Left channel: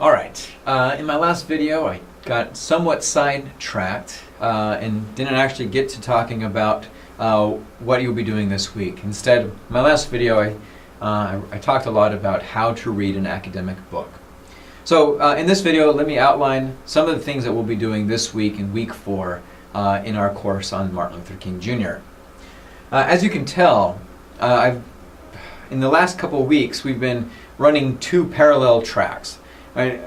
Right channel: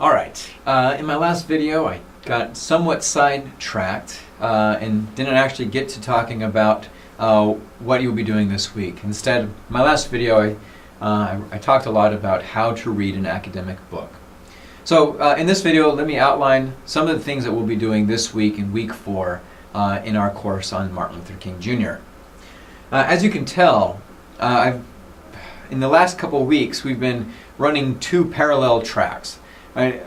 All right. In my last video, I got somewhat sidetracked and didn't actually get to talking about what you'll be doing this week. Instead, in my last video, I talked a lot about how to read an academic book. So in this video, let me outline some of the things that we'll be doing this week in week 4 in our course on Martin Luther King Jr. As you can tell, in the last couple of weeks, we've been running 2 parallel tracks. Right?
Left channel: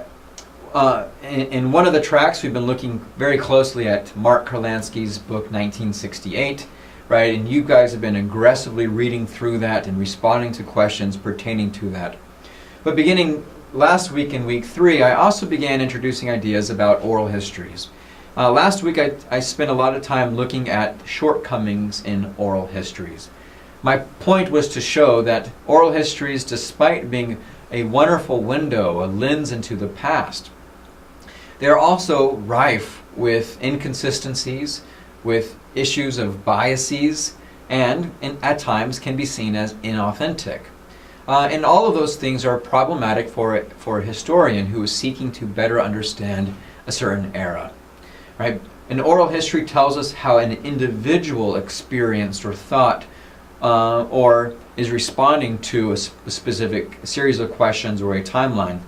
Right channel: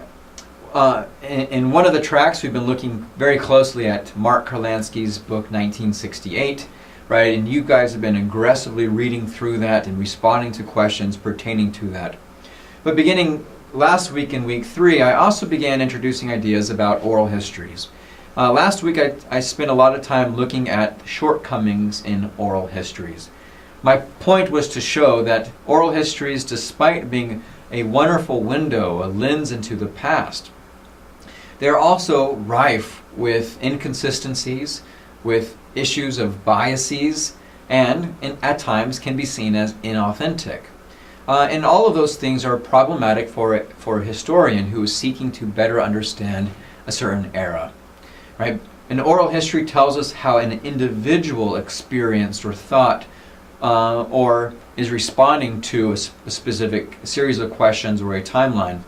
In one of the tracks, we've been looking very closely at Mark Kurlansky's book, 1968, right? And you guys have been aggressively reading through that and responding to questions pertaining to that. But beginning last week in week 3, I also began introducing ideas about oral histories. Last week, I spent a lot of time looking at shortcomings in oral histories. My point was to show that oral histories, despite being a wonderful window, a lens into the past, they're also rife with inconsistencies, with issues of biases, and at times can be seen as inauthentic. And all of those things are problematic for a historian who is seeking to better understand a certain era. Right? An oral history tells us how an individual experienced or thought or is responding to a specific series of questions or a timeline.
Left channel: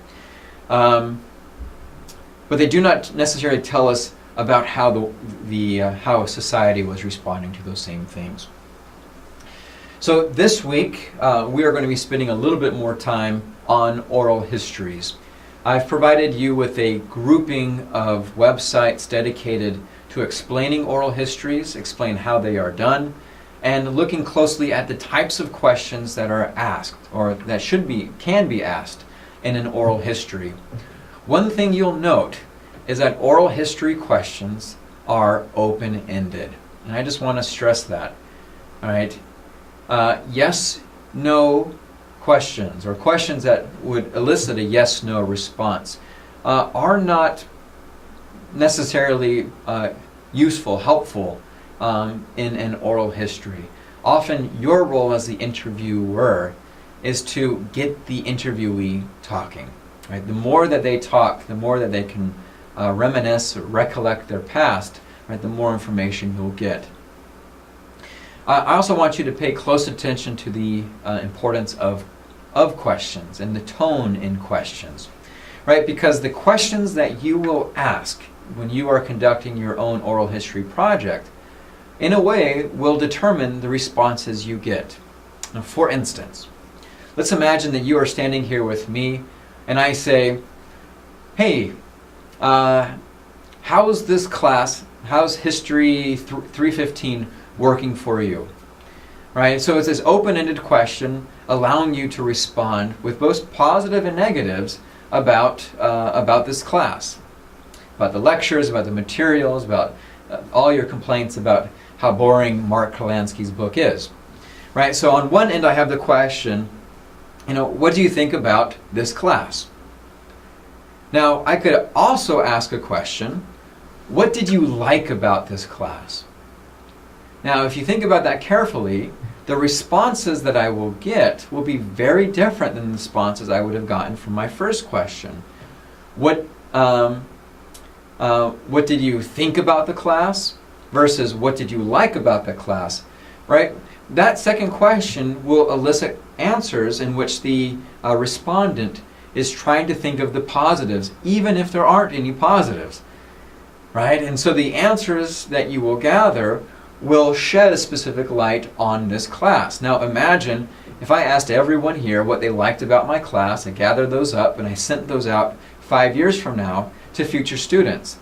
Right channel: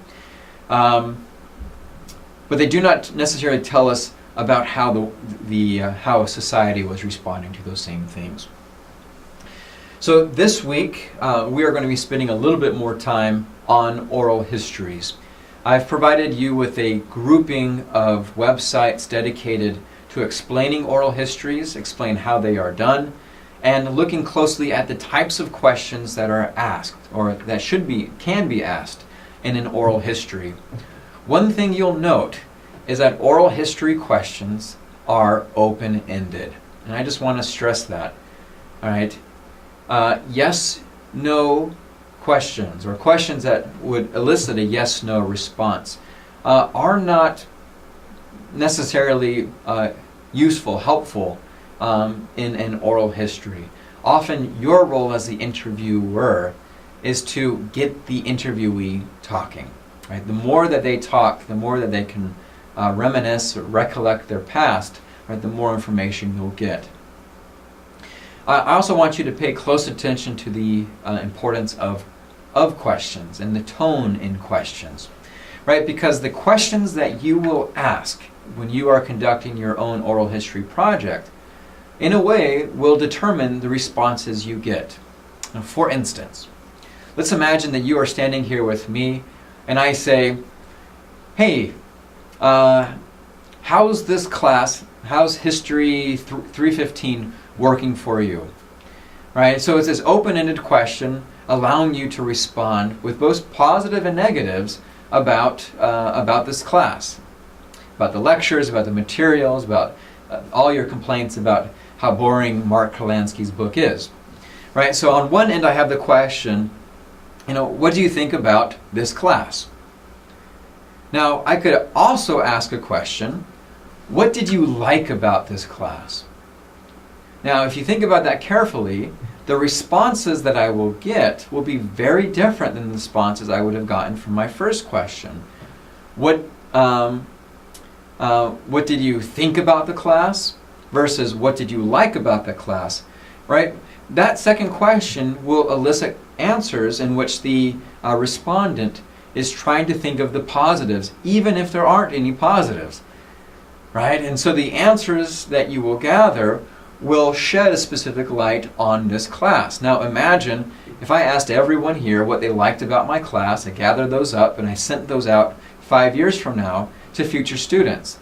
But they do not necessarily tell us about how how society was responding to those same things. So this week, we are going to be spending a little bit more time on oral histories. I've provided you with a grouping of websites dedicated to explaining oral histories, explain how they are done, and looking closely at the types of questions that are asked, or that can be asked in an oral history. One thing you'll note is that oral history questions are open-ended. And I just want to stress that. All right? Yes, no questions, or questions that would elicit a yes-no response, are not necessarily useful, helpful in an oral history. Often your role as the interviewer is to get the interviewee talking. Right? The more that they talk, the more that they can reminisce or recollect their past, right, the more information you'll get. I also want you to pay close attention to the importance of questions and the tone in questions. Right? Because the questions that you will ask when you are conducting your own oral history project, in a way, will determine the responses you get. For instance, let's imagine that you are standing here with me, and I say, hey, how's this class, how's History 315 working for you? Right? So it's this open-ended question allowing you to respond with both positive and negatives about this class, about the lectures, about the materials, about all your complaints about how boring Mark Kurlansky's book is. Right? So on one end I have the question, what do you think about this class? Now, I could also ask a question, what did you like about this class? Now, if you think about that carefully, the responses that I will get will be very different than the responses I would have gotten from my first question. What did you think about the class versus what did you like about the class? Right? That second question will elicit answers in which the respondent is trying to think of the positives, even if there aren't any positives. Right? And so the answers that you will gather will shed a specific light on this class. Now imagine if I asked everyone here what they liked about my class, I gathered those up, and I sent those out 5 years from now to future students.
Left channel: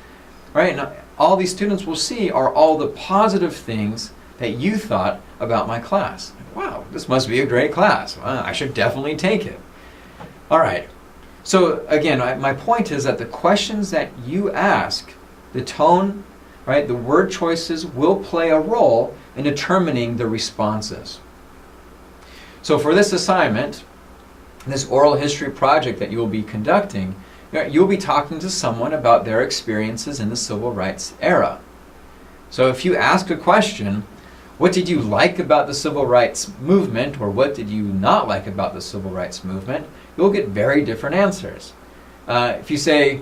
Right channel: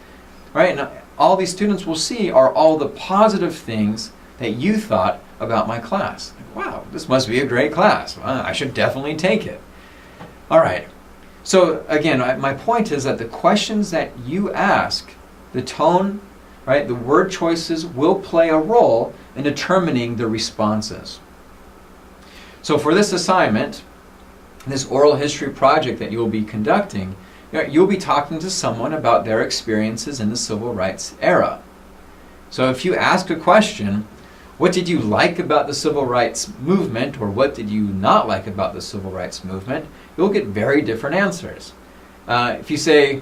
Right? Now, all these students will see are all the positive things that you thought about my class. Wow, this must be a great class. I should definitely take it. All right. So again, my point is that the questions that you ask, the tone, right, the word choices will play a role in determining the responses. So for this assignment, this oral history project that you'll be conducting, you'll be talking to someone about their experiences in the civil rights era. So if you ask a question, what did you like about the civil rights movement, or what did you not like about the civil rights movement, you'll get very different answers. If you say,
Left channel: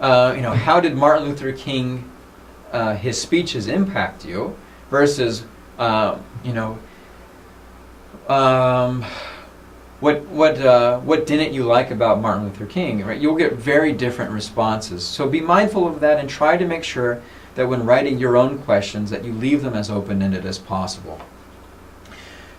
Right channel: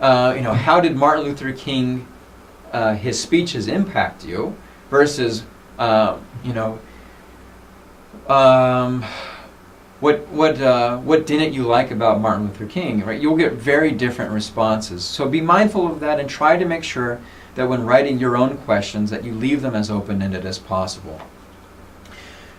how did Martin Luther King, his speeches impact you, versus, what didn't you like about Martin Luther King, right? You'll get very different responses. So be mindful of that and try to make sure that when writing your own questions that you leave them as open-ended as possible.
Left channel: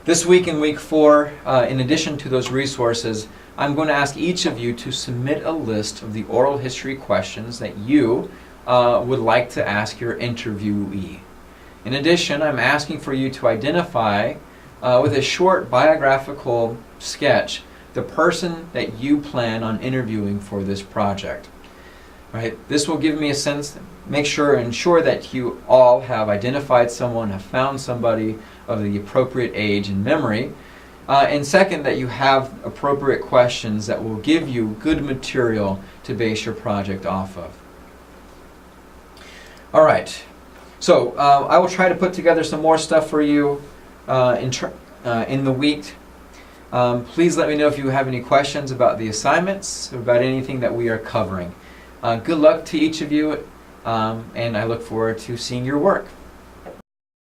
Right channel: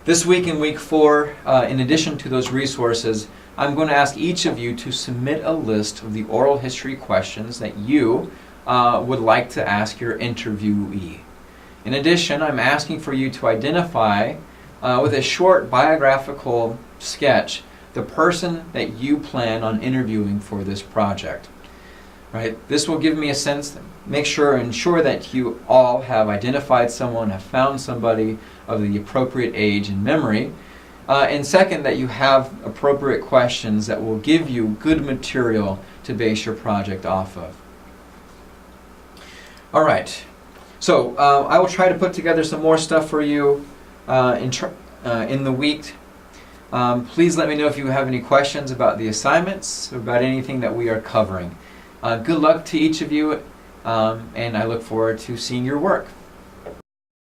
This week in week 4, in addition to those resources, I'm going to ask each of you to submit a list of the oral history questions that you would like to ask your interviewee. In addition, I'm asking for you to identify, with a short biographical sketch, the person that you plan on interviewing for this project. Right? This will give me a sense, ensure that you all have identified someone, have found somebody of the appropriate age and memory. And second, that you have appropriate questions that will give you good material to base your project off of. All right. So I will try to put together some more stuff for you in the week. Please let me know if you have any questions about the assignments or about anything that we are covering. Good luck to each of you, and I look forward to seeing your work.